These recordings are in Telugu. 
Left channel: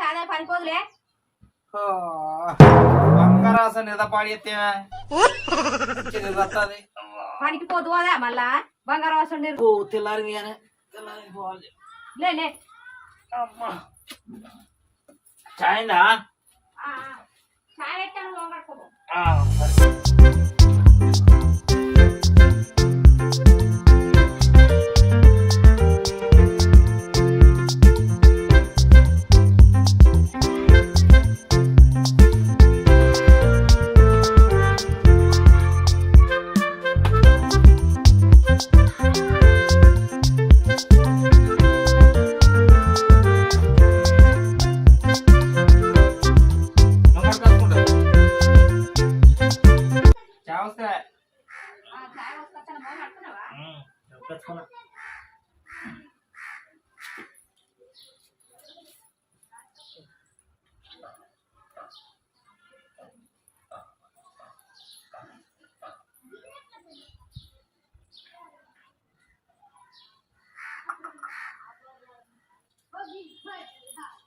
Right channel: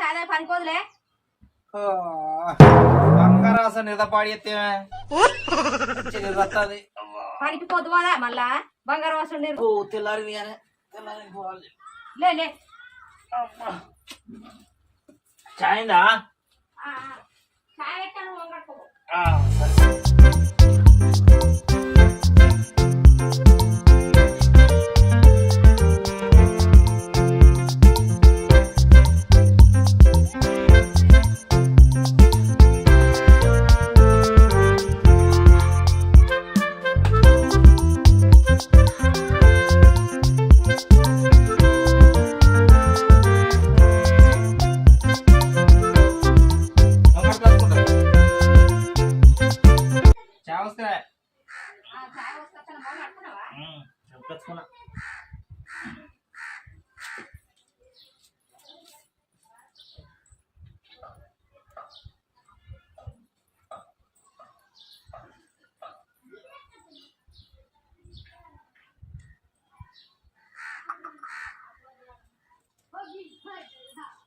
చాదే పనిపోదులే. బంగారాస నిద పాడితే నిదత్తది పనికి పోదువాదా మళ్ళా బంగారం వస్తుంది. తెల్లారింది కానీ తెల్లారి పోవాలి. లే అమ్మా చాయిందా చాయ్ ఎట్టాను పోగొట్టుకో.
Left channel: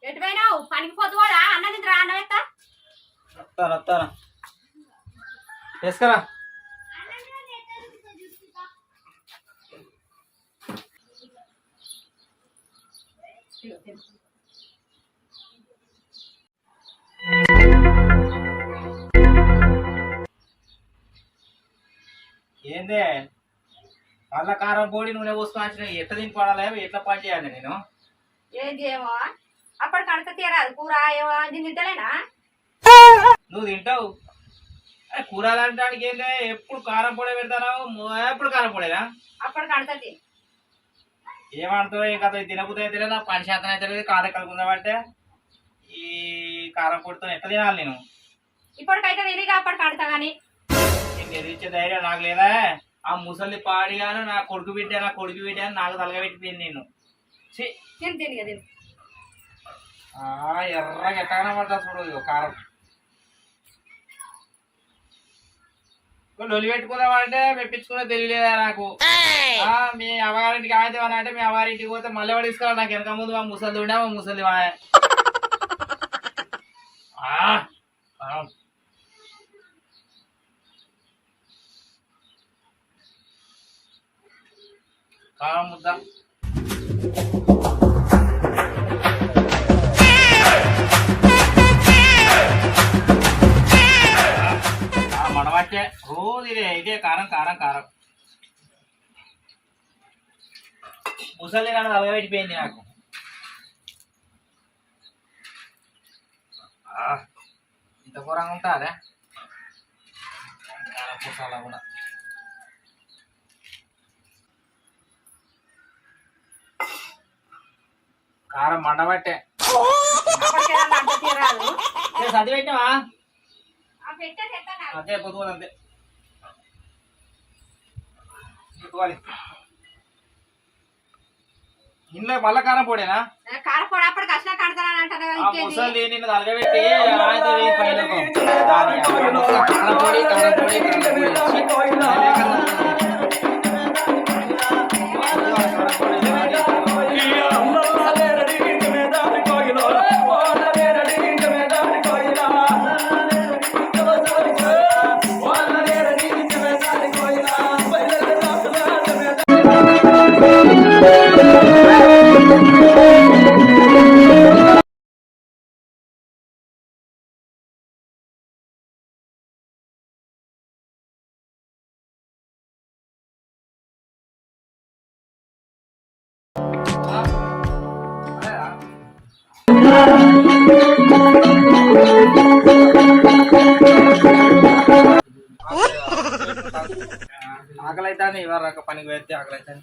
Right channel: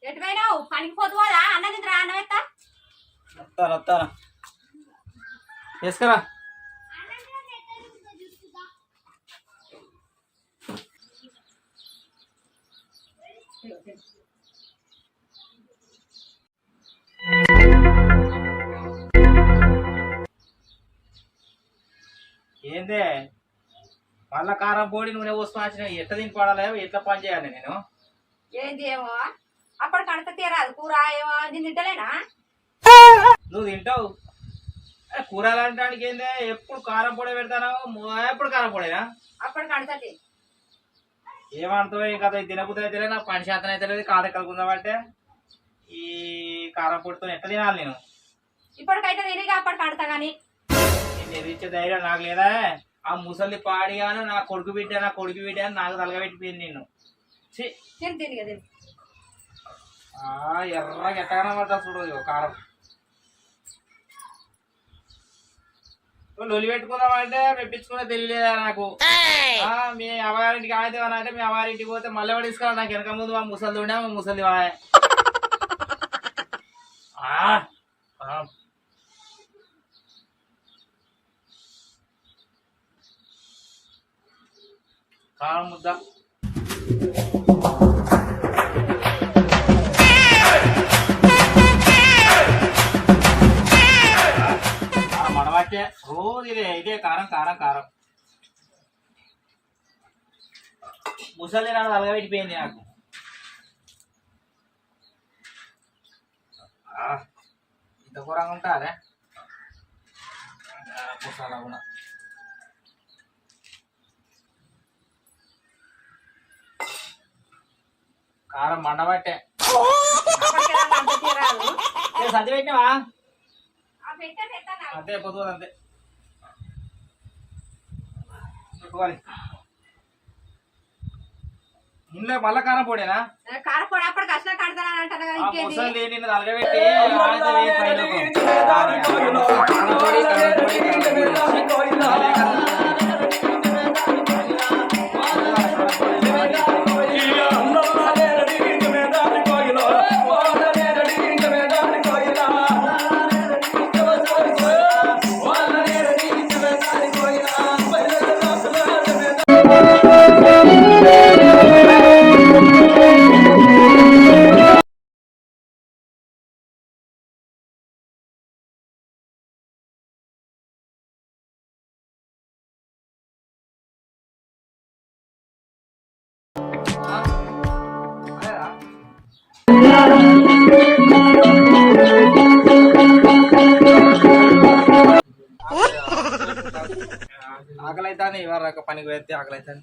ఎటు పోయినావు? పనికి పోతువాడా? అన్నది రా అన్నం ఎత్తా. వస్తారా వేసుకరా. ఏందే మళ్ళా కారం పొడి నూనె పోసుకొని వచ్చిన ఎట్లా దీనికి పడాలి, ఎట్లా పని చేయాలి నేను? ఏంది ఏమో అప్పటి కడత తీరాదు కూర ఏమో దీన్ని తింటలేనా? నువ్వు తింటావు కూరలు అనడానికి ఏందే ఎప్పుడు కారం పొడి పెడతాను, ఎప్పుడు కారం పొడేనా? అప్పటి కడతది ఏమంటావు ఈ కథ తినబుద్ధి అయితే నా పని శాతం అయితే లేదు. కాద కలుగుందామంటే ఈ కారం పొడితో ఎట్లా తినాలి నేను? ఇప్పటికైతే తిరిగి అప్పటి కడతా గాని ఇచ్చే ధైర్యం నాకు లేదా? ఆ ముసలి పాడిగాను నా కొడుకు బిడ్డ అని నాకు తలగబెట్టిపోయింది నేను. తిని కదా ఎర్రగా ఎట్టగానే పడతా చూడదు కారం. లొలి పెట్టుకుందామంటే మెప్పించుకునే తెలియలేదా నాకు? మీ అవ్వగారింటికి ఆగితే అంటే మీ అవ్వారింటికి పోతే మళ్ళీ పడిసుకోవాలి. నాకు వెనక ముందు మా ముసలి ఉండే మా ముసలి కారం ముద్ద మడవచ్చే రోజు ఇదే కారం కారం కారం. ముసలి నాడు అలగబెట్టిపోయింది నాకు. ఇంత కూరంగా ఉంటారా కారం పూసాలా కూడా? కారం మండబట్టే సర్ది పెట్టినావా? అంతే పొద్దుకోదు అంతే పెట్టుకోవాలి. ఇంట్లో మళ్ళా కారం పొడేనా? కారపొడి అప్పటికి వచ్చిన కడతానంటే ముసలి నిన్ను తలగబెట్టి ఆకలైతాను ఇవాళ రక పనికి పోతే ఆకలైతాను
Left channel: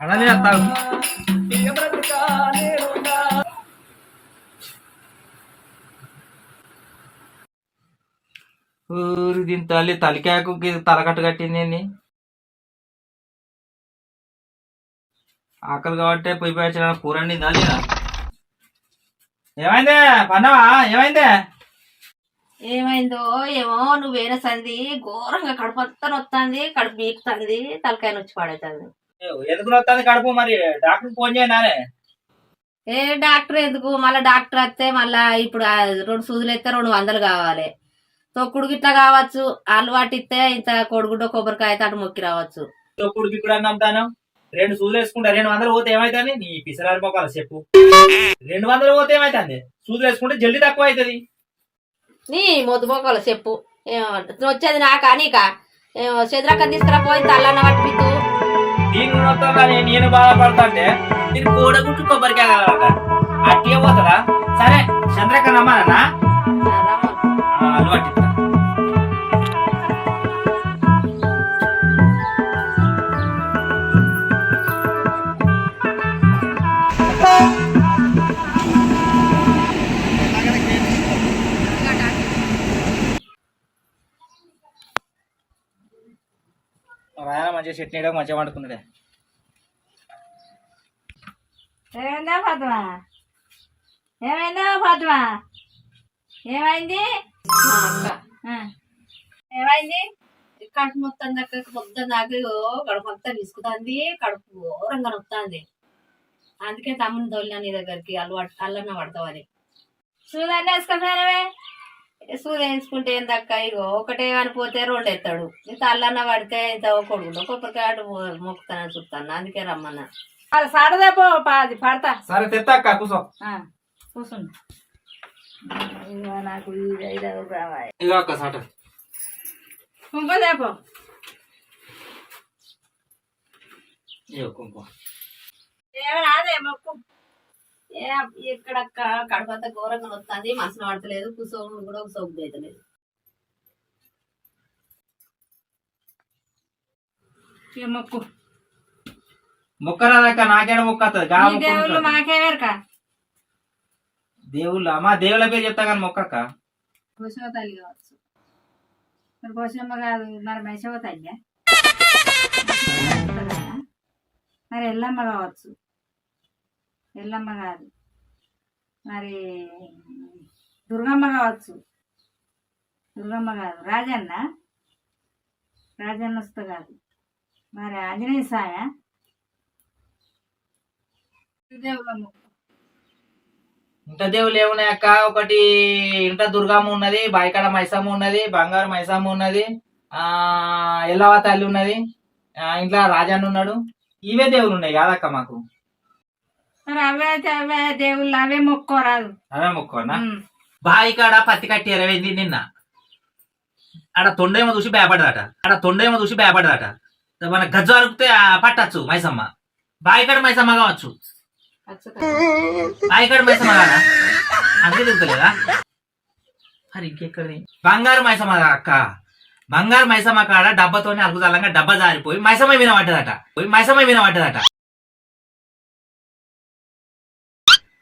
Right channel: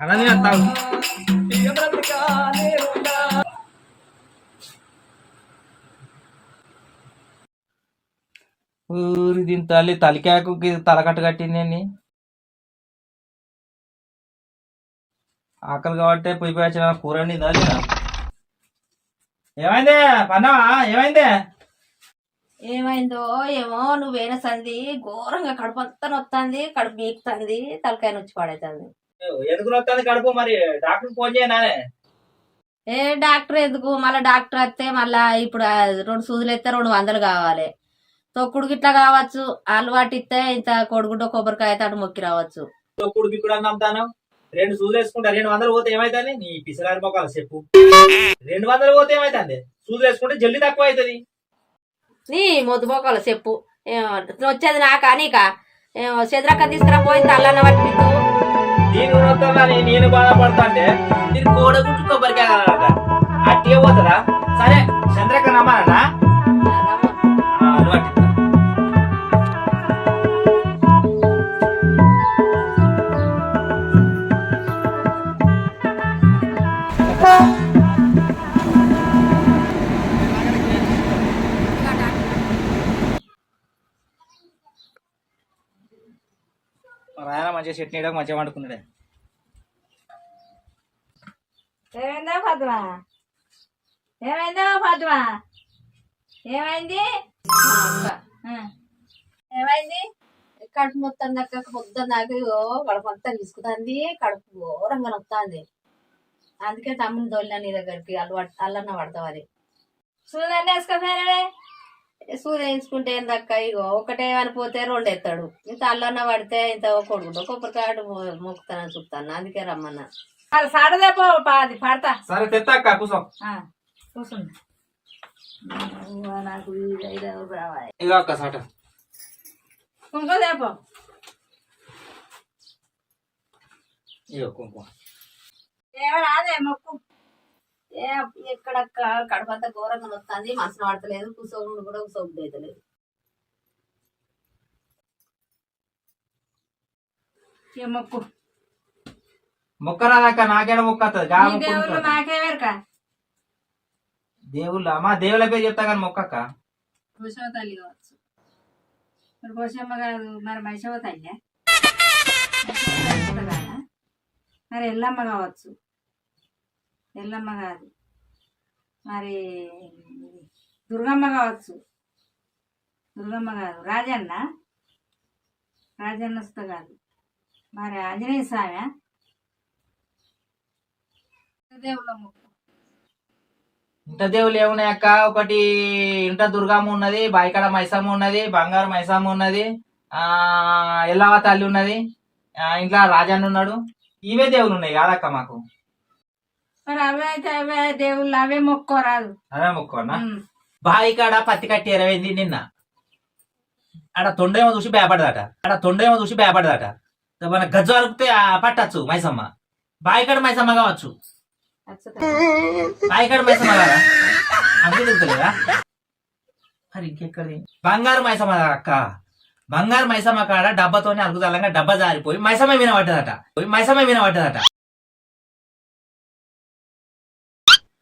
అన్నది వస్తాను. దీని తలికాయకు తలకట్టు కట్టింది. ఆకలి కాబట్టి పోయి పోయొచ్చిన కూరండి దాని. ఏమైందే పన్నావా? ఏమైందో ఏమో నువ్వేన సంది ఘోరంగా కడుపు అంతా నొత్తాంది, కడుపు బీకుతుంది, తలకాయ నొచ్చి పాడైతుంది. ఎందుకు నొత్తాంది కడుపు? మరి డాక్టర్ ఫోన్ చేయనా? ఏ డాక్టర్ ఎందుకు మళ్ళీ డాక్టర్ వస్తే మళ్ళా ఇప్పుడు 2 సూదులు ఎత్తే 200 కావాలి. తొక్కుడు గిట్లా కావచ్చు, అలవాటు ఇస్తే ఇంత కొడుగుడ్డ కొబ్బరికాయ అయితే అటు మొక్కి రావచ్చు. తొక్కుడుకి కూడా నమ్ముతాను. 2 సూదులు వేసుకుంటా 200 పోతే ఏమైతుంది? నీ పిసరారి మొక్కలు చెప్పు. 200 పోతే ఏమైతుంది? సూదులు వేసుకుంటే జల్దీ తక్కువ అవుతుంది. నీ మొద్దుపోకలు చెప్పు వచ్చేది నాకా నీకా చెదరక్క తీసుకురాపోయి తల్లన్న పట్టిపిద్దు. దీని గుణంతో నేను బాధపడతా అంటే దీని కోడగుట్టు కొబ్బరికాయ కావాలట. అట్టే పోతుందా? సరే చంద్రక్క రమ్మన్నా అలవాటు. రాయన మంచిగా చట్నీ మంచిగా వండుకున్నాడే. ఏమైందా ఫాతిమా? ఏమైంది? ఏమైంది? కడుపు మొత్తం దాకా పొద్దున్న దాకా కడుపు అంతా తీసుకుతుంది, కడుపు ఘోరంగా నొత్తాంది. అందుకే తమ్ముని తోలినా నీ దగ్గరికి అల్లన్న పడతావని. సూదన్నీ వేసుకోపోయినవే. సూది వేయించుకుంటే ఏం దక్క ఇగో ఒకటే అనిపోతే 2 ఎత్తాడు. ఇంత అల్లన్న పడితే ఇంత కొడుకుంటా కొబ్బరికాయ మొక్కుతానని చూస్తాను. అందుకే రమ్మన్నా. అది సాడదేపో అది పడతా. సరే తెత్తాక్క కూర్చో. కూర్చుంది నాకు రావాలి. ఇదో అక్క సాట కుంకోదేపో. ఇగో కుంకుమ. ఏమరాదే మొక్కు. ఎక్కడక్క కడుపు అంతా ఘోరంగా వస్తుంది, మనసులో పడతలేదు, కూసోడు కూడా సోపు అవుతలేదు. మొక్కు మొక్కరాదక్క నాకేడ మొక్కతుంది. దేవుళ్ళు మాకేవేరక దేవుళ్ళ మా దేవుళ్ళ పేరు చెప్తా కానీ మొక్కక్క. పోషమ్మ తల్లి కావచ్చు. మరి పోషమ్మ కాదు మరి మైసమ్మ తల్లి, మరి ఎల్లమ్మ కావచ్చు. ఎల్లమ్మ కాదు మరి దుర్గమ్మ కావచ్చు. దుర్గమ్మ కాదు రాజన్న వస్తా కాదు మరి ఆంజనేయ స్వామి. దేవుళ్ళమ్మ ఇంత దేవుళ్ళు ఏమున్నాయి అక్క? ఒకటి ఇంత దుర్గమ్మ ఉన్నది, బాయికాడ మైసమ్మ ఉన్నది, బంగారు మైసమ్మ ఉన్నది, ఎల్లవ తల్లి ఉన్నది, ఇంట్లో రాజన్న ఉన్నాడు. ఇవే దేవుళ్ళు ఉన్నాయి కాదక్క మాకు. మరి అవే దేవుళ్ళు అవే మొక్కోరాదు. అవే మొక్కోనా? బాయికాడ పత్తి కట్టి ఎరవేంది నిన్న. ఆడ తొండేమో చూసి భయపడదట. మన గజ్జ అరుకుతే పట్టచ్చు మైసమ్మ. బాయికాడ మైసమ్మ కావచ్చు. బాయికాడ మైసమ్మ కాదా? అంతే తెలుస్తలేదా? మరి ఇంకెక్కడి బంగారు మైసమ్మ అక్క. బంగారు మైసమ్మ కాడ డబ్బతోనే అలుగుదలంగా డబ్బా జారిపోయి మైసమ్మ వినబడ్డదట.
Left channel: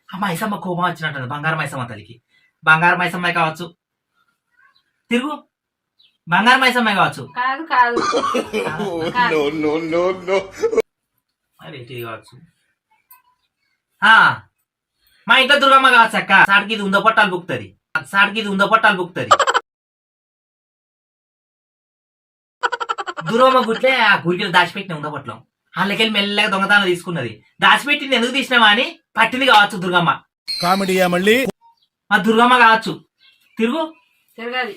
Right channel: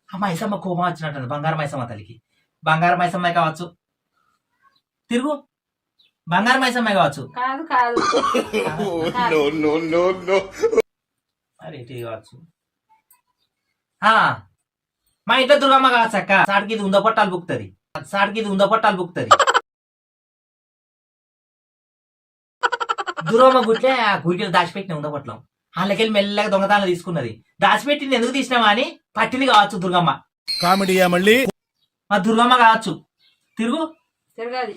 ఆ మైసమ్మ కోపం వచ్చినట్టు బంగారు మైసమ్మ తల్లికి. బంగారు మైసమ్మ కావచ్చు. తిరుగు బంగారు మైసమ్మ కావచ్చు. మరి కావచ్చు. మా ఇంట్లో దుర్గమ్మ కావచ్చు అక్క. సాడికి ఇది ఉందో పట్టాలు బుక్తుంది. దుర్గమ్మ గుట్లే ఆ గుడికి దాచిపెట్టిన ఉందో పట్లం. వాళ్ళకెళ్ళి మెల్లగా దొంగతనం తీసుకున్నది. దాచిపెట్టింది ఎందుకు తీసినావా అని పట్టింది కావచ్చు దుర్గమ్మ. కామెడీయా మళ్ళీ? మా దుర్గమ్మ కావచ్చు. తిరగది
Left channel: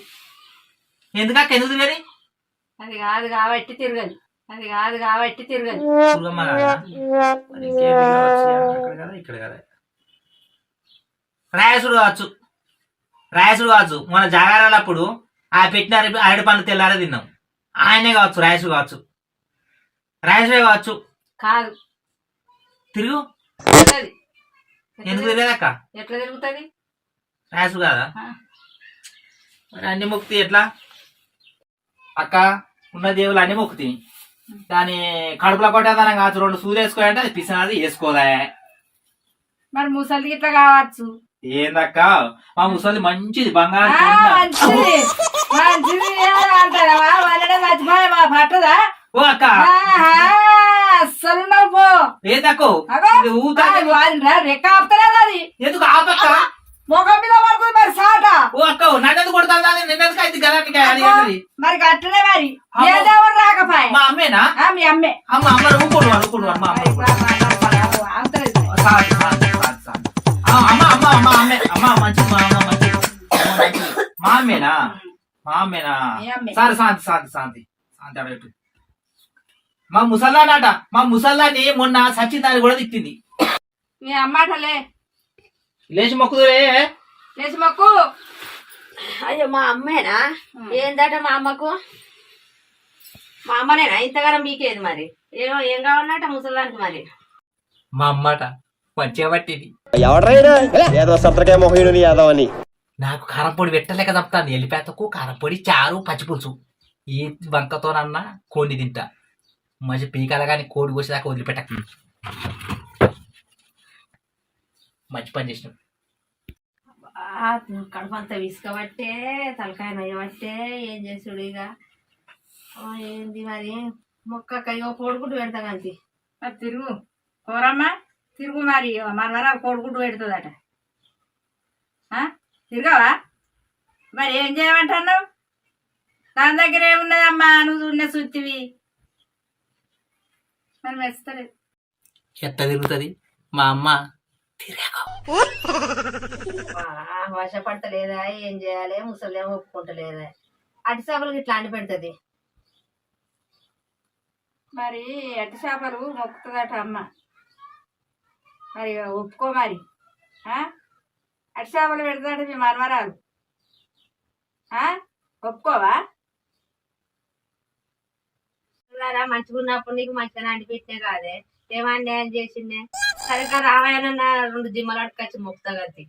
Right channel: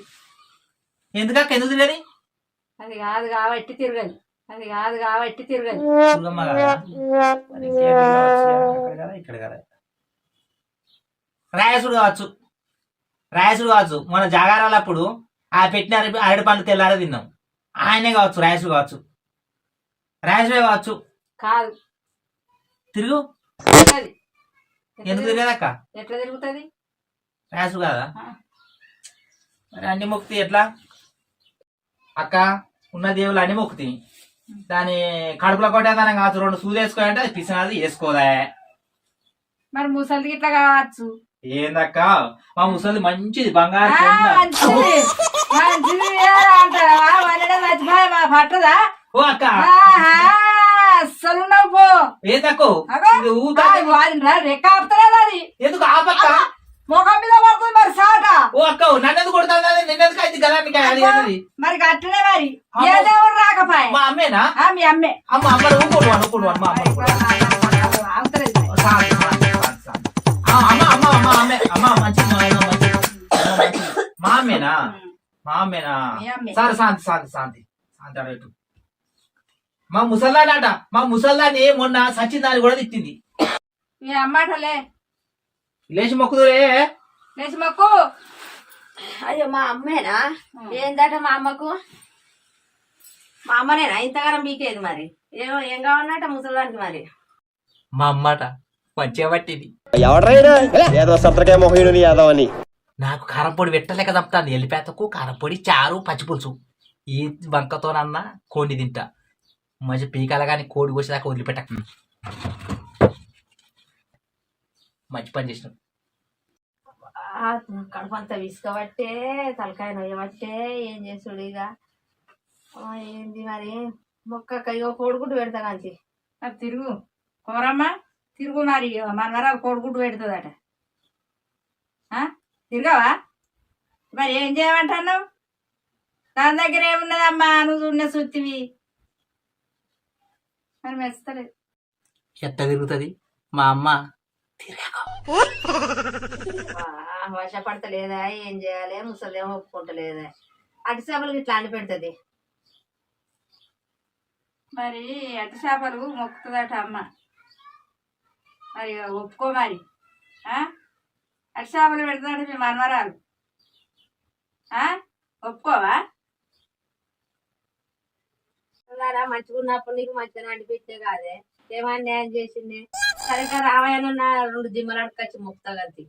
ఎందుకు తిరగది? అది కాదు కాబట్టి తిరగది. దుర్గమ్మ కాదా? ఇక్కడ కదా రాయసుడు కావచ్చు. మన జాగారాలప్పుడు ఆ పెట్టిన అరటి పండు తెల్లారే తిన్నాం. ఆయనే కావచ్చు. రాయసుడు కావచ్చు. కాదు తిరుగు. ఎందుకు తిరగదక్క? ఎట్లా తిరుగుతుంది? రాయసుడు కాదా? మరి అన్ని మొక్తి ఎట్లా అక్క? ఉన్న దేవుళ్ళు అన్ని మొక్కుతాయి. దాని కడుపులో కొట్టేదానం కావచ్చు. 2 సూది వేసుకోవాలంటే అది పిసినది వేసుకోదా? మరి ముసలి ఇట్లా కావచ్చు. ఏందక్క మా ముసలి మంచిది బంగారు పట్టదా? ఓ అక్క అస్సలు నవ్వు ఏందక్కో రెక్క ఆపుతలేదు. అది ఎందుకు ఆపక్క? ముఖం మీద పడుతుంది మరి సాట. ఓ అక్క నన్నది కొడుతుంది. నిన్నది అయితే గదానికి మరి అట్లనే మరి ఏ దేవుడు రాకపోయా? మా అమ్మేనా? మీ అమ్మే. అమ్మ ఊరుకోడు మా అమ్మ. అమ్మేనా మా అమ్మేనా మీ అమ్మే. సరే శాంతి శాంతి శాంతి శాంతి అడగట్టు మా ముసల్దానట మా ముసల్దాన్ని మొన్న సచ్చిందాన్ని కూడా తిట్టింది మీ అమ్మాటలే లేచి మొక్కుదురే లేచి మొక్కు. అయ్యో మా అమ్మేనా? ఏందట మా అమ్మకు? మా అమ్మనేనా ఇంతగానం మీకేది మరి? ఏం కావాలన్నట ముసలిదానికి మరి? మా అమ్మట మంచిగా పట్టింది ఎవడైనా ఏదో సత్రకాయ మొహీనుని యాదవ్ అని నాకు కారపొడి పెట్టలేక తప్పుతాను ఎల్లిపేతకు కారపొడి చారు పచ్చిపులుసు ఈ బంకతోనన్నా కోడిని తింటా మంచి పీకాల కానీ కోడి కోసేదాకా వదిలిపెట్టక మంచి పని చేసినాం కడుపు అంతా విసుకబట్టే తలకాయ నొయ్యబట్టే ఏం చేసుడు ఇక ఏంది మరి మొక్కకయ్యో కోడిగుడ్డు పెడతా కాంతి మరి తిరుగు కోరమ్మా తిరుగు మరి మనవరాలు కోడిగుడ్డు పెడుతుందట తిరగవా మరి ఏం చేయమంటున్నావు దాని దగ్గర ఏమున్నదమ్మా నువ్వు చూడనే సుత్తివి మరి మెచ్చలేదు ఎట్ట తిరుగుతుంది మా అమ్మ వశపడతలేదా ఏం చేయాలి ముసలేమో ఒప్పుకుంటలేదా అటు చేపలకి ఇట్లా అండి పెడుతుంది మరి అట్టి చేపలు మొక్కుతుందట అమ్మ మరి ఒప్పుకో మరి అట్టి చేపలు పెడుతుందట మీ మనవరాలు ఒప్పుకోవా మంచిగా ఉన్నప్పుడు నీకు మంచిగా అండి పెట్టే కాదే ఏమన్యాయం చేసిందే సరిగ్గా రావాయనన్న 2 జిమ్మలు అడకొచ్చి మొక్కుతా గంతి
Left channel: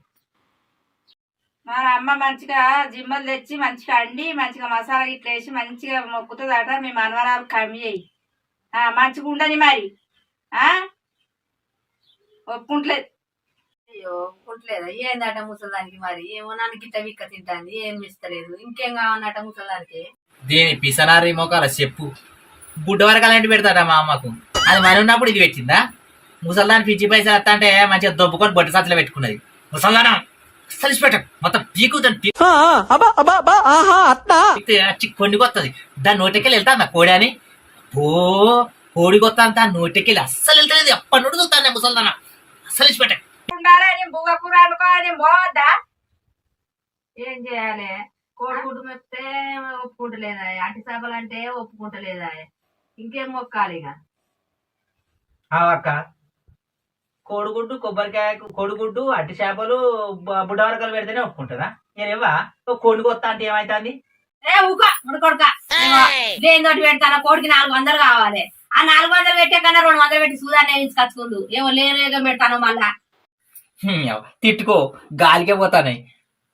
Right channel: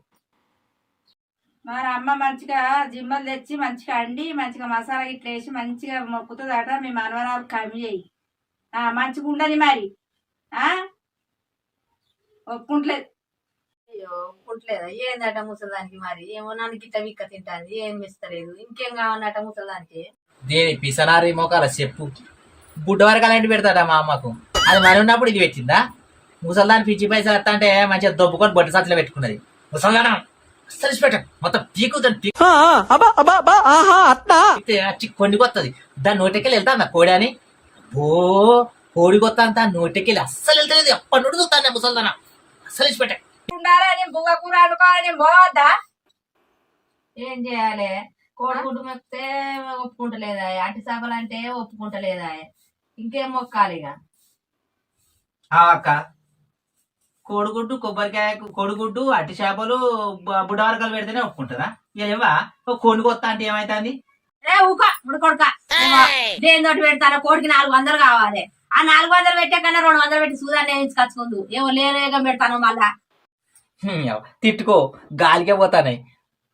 మరి అమ్మ మంచిగా జిమ్మలు తెచ్చి మంచిగా అండి మంచిగా మసాలా ఇట్లా వేసి మంచిగా మొక్కుతుందట మీ మనవరాలు కమ్మి చేయి మంచిగా ఉండని మరి ఒప్పుకుంటలేదు అయ్యో ఒప్పుకుంటలేదా ఏందట ముసలిదానికి మరి ఏమో నన్ను గిట్ట విక్క తింటాంది ఏం ఇస్తలేదు ఇంకేం కావాలన్నట ముసలిదానికి దేని పిసనారి మోకాల చెప్పు బుడ్డ వరకు అలాంటి పెడతాడా మా అమ్మకు అది మరి ఉన్నప్పుడు ఇది పెట్టిందా ముసల్దాన్ని పిచ్చి పైసలు వస్తా అంటే మంచిగా దొబ్బుకొని బొట్ట సాతులో పెట్టుకున్నది ముసల్దానం అస్సలు పెట్ట మొత్తం పీకుతుంది కొండికొత్తది దాని నోటికెళ్ళి వెళ్తా కోడి అని ఓ కోడి కొత్త అంతా నోటికెళ్ళి అస్సలు వెళ్తలేదు ఎప్పటి నుండి చూస్తాను ముసల్దానం అస్సలు ఇచ్చి పెట్ట బువ్వ కూర అనుకోని పోవద్దా ఏం చేయాలి కోడిగుడ్డు మెప్తే ఒప్పుకుంటలేదా అట్టి చేపలు అంటే ఒప్పుకుంటలేదా ఇంకేం మొక్కాలి ఇక అక్క కోడిగుడ్డు కొబ్బరికాయ కోడిగుడ్డు అట్టి చేపలు బుడ్డ వరకలు పెడితేనే ఒప్పుకుంటుందా ఏవా కోడి కొత్త అంటే ఏమైతుంది ఊక కొడుక దేనితోటి పెడతానా కోడికి 400 కావాలి ఆ 400 పెట్టే కన్నా 200 పెట్టి సూదాన్ని వేయించుకొచ్చుకుందు ఏమో లేను పెడతాను మళ్ళా తిట్టుకో గాలికే పోతానాయి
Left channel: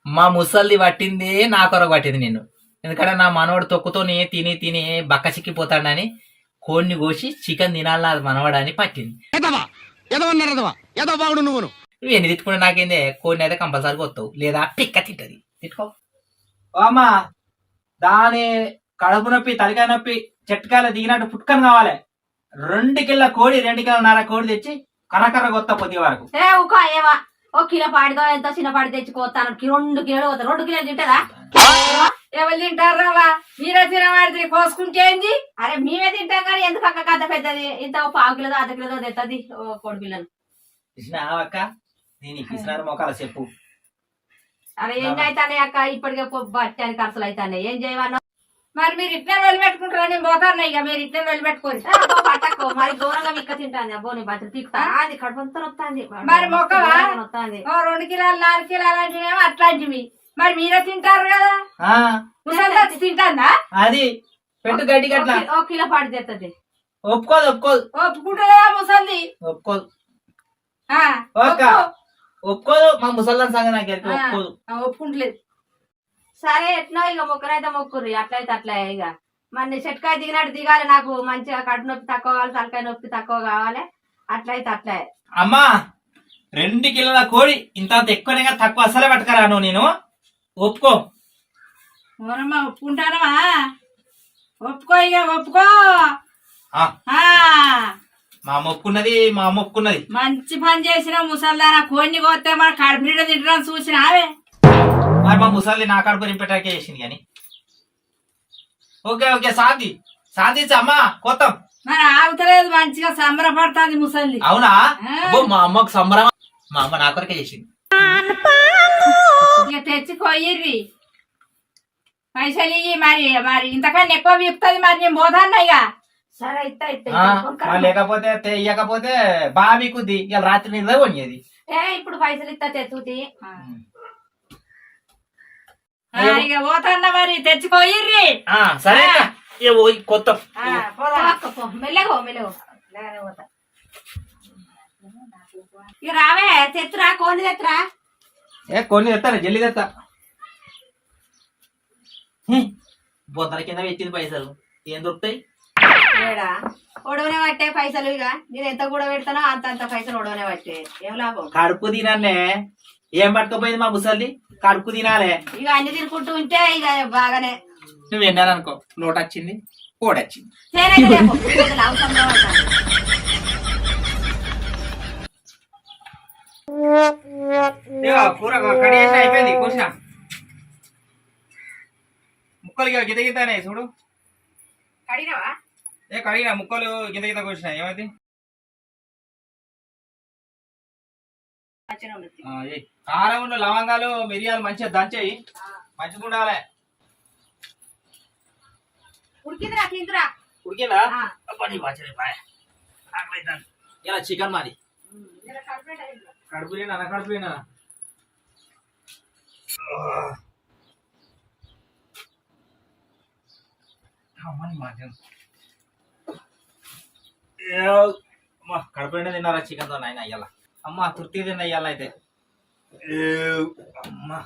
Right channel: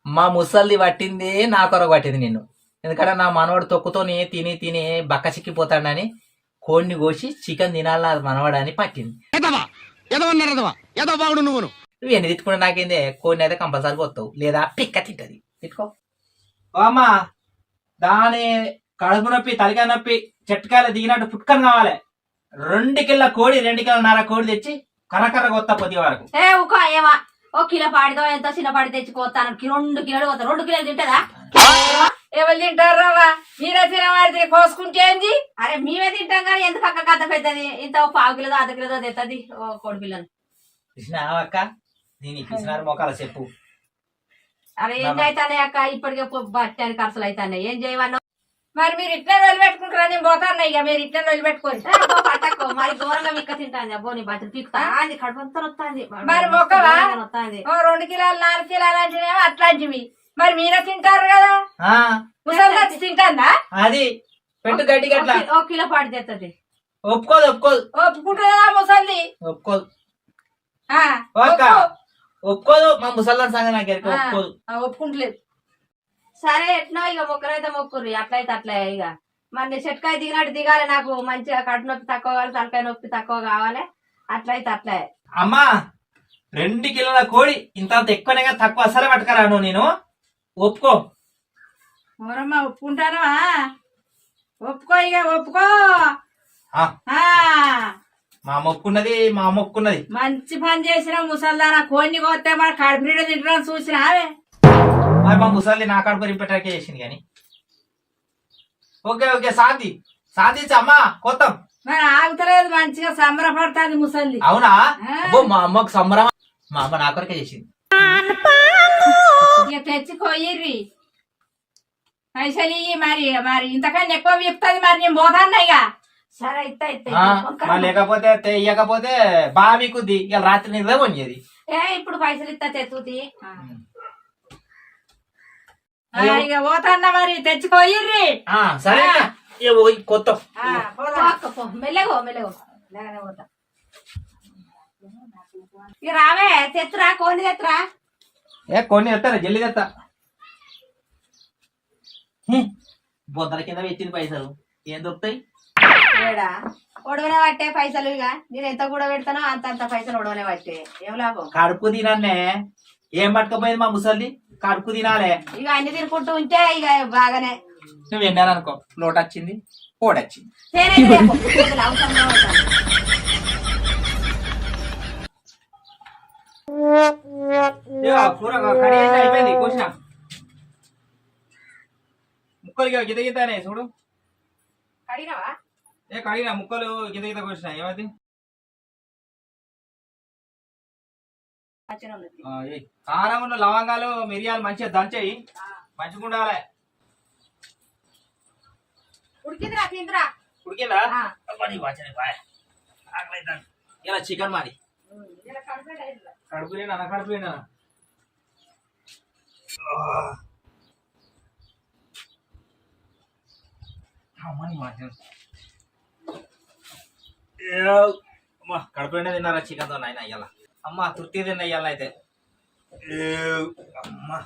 మా ముసల్ది పట్టింది నా కొరకు పట్టింది నిన్ను ఎందుకంటే నా మనవాడు తొక్కుతోని తిని తిని బక్క చిక్కిపోతాడని కోడిని కోసి చికెన్ తినాలి అది మనవాడని పట్టింది నువ్వు ఎన్ని తిట్టుకుంటే నాకేందే కోడిని అయితే కంపల్సరీ వస్తావు లేదా పిక్క తింటది తిట్టుకో అమ్మా దాని కడుపు నొప్పి తలకాయ నొప్పి చెట్టుకాయలు దిగినట్టు పుట్టుకని కావాలి 2 కిలో కోడి 2 కిలోన్నర కోడి తెచ్చి కనకర్ర కొత్త పొద్దు వరకు ఊక ఏమా 1 కిలో పాడిదో ఎంతో చిన్న పాడి తెచ్చుకోతాను 2 కిలోలు పోతా 2 కిలోలు తింటదా ఎవరు తింటారా మీరే తినవాడి కోసుకుంటే ఏంది అరే మేమే తింటాం కానీ ఎందుకు అక్క కథ పెద్దది ఇంత 1/2 కిలో 1/2 కిలో తెస్తుంది కోడి పిల్లను అక్క నేను పిసినారు మోకాల చెప్పు అరే ఏంటైతానే అక్క ఇప్పటికే బట్టానికి ఖర్చులు అవుతాయి ఏం చేయవన్నా మరి మీరు ఇట్లే వదిలిపెట్టుకుంటారా నేను పోతాను ఇక మీరు ఇట్లే వదిలిపెట్టుకోండి పట్టకు మరి ఘోరంగా మిక్క తింటాను అబ్బో నీ బట్టలు పీకుతా అది కడుపంతా వస్తుంది మరి మొక్కవా వస్తుంది 2 కిలోలు 4 కిలోలు అంటేనేమో అట్లాంటివి మరి మీరే తింటారు కదా ముసలి వచ్చి తింటాందా అది పెట్టు గడ్డి గట్ల 1 కిలో పాడి తెస్తుంది ఒప్పుకోదు ఒప్పుకోదు ఒప్పుకుంటుందా ముసలిది ఒప్పుకోదు ఒప్పుకోదు మా ముసల్దాన్ సంగతి నాకు ఒప్పుకోదు ఒప్పుకుంటలేదు సరే ఎట్లా ఇక మొక్కరైతే మొక్కుర్రి అట్లయితే అట్లా ఇక మరి చెట్టుకాయ దిగినట్టు దిగాలి నాకు మంచిగా కడుపు నొప్పి తక్కువ కావాలి తలకాయ నొప్పి తక్కువ కావాలి అట్లయితే అట్లే అమ్మా 2 కిలోల కోడి ఇంత ఎక్కువనే తక్కువ అసలే పట్టుకరాను నేను ఒప్పుకో మరమ్మా ఒప్పుకుంటానమా ఒప్పుకో ఇక ఒప్పుకో మా అమ్మ ఒప్పుకున్నది మంచి పని చేసిన ముసల్దానా కోడిని కోస్తే మన కడుపు నిండా తింటాం చూసినావే మరి మా ముసలి నా కడుపు రిపెట్టాకే చేసింది కానీ ఓకే ఓకే శాంతి అమ్మా కోతాం మరి ఆగుతలేదు మంచిగా సంబరపడుతుంది ముసలి అవునా మా అమ్మకు సంబరం మా అమ్మ నా కొరకే చేసింది ఇక తెచ్చి కొయ్యిర్రి పైసలు ఇయ్యి మరి మరి ఇంతకన్నా ఎక్కువ విప్పుతుంది మరి నేను పోతాన్నా ఇక. సరే ఇస్తా మరి లేకపోతే ఇయ్యకపోతే బాగా మీకుద్ది ఇలా రాత్రి నిద్ర పోయేది. ఇప్పుడు పైసలు ఇస్తా తెత్తుది. ఇక పోతాన్నా మరి తెచ్చుకోయిర్రి. సరే కొత్త మెల్లగో పోతా. ఇక రావే తెత్తురా కోని తెత్తురా. కొన్ని తెస్తారా జల్లి తెస్తా. బొద్దల కింద పెట్టింది పైసలు ఏం దొరుకుతాయి? ఒడవనే పట్టే పైసలు. ఇక నేను ఎంత కూడా పెడతానో అంత పైసలు ఒడవనే పట్టే ఏం లాభం. కడుపు తినన్నే ఏం పట్టుకపోయింది మా ముసల్ది. కడుపు తినాలే. ఇక అన్ని తినుకుంటూ ఉంటే ఇక బాగానే. నువ్వు విన్నాననుకో నోట్ వచ్చింది కోడొచ్చింది. కూర కడిగేసి అయిపోయింది కూర్చున్నా. ముక్కలు గిత గితనే చూడు. కడిగినావా? కడిగిన ముక్కలు గిత గిత కూర్చున్నా. ఏమైంది? కారం ఉన్న లవంగాలు మిరియాలు మంచిగా దంచేయి. మంచిగా ఉండాలి. ఉడికిందిరా తిందురా. ఉడికిందా? ఇలా చికెన్ మాది. కడుపులేనా కడుపులేనా? కడుపులేనే తిన్నారా చికెన్ తో నాయన అయ్యాల. అమ్మ తృప్తి తిన్న ఇయ్యాల అయితే. అమ్మా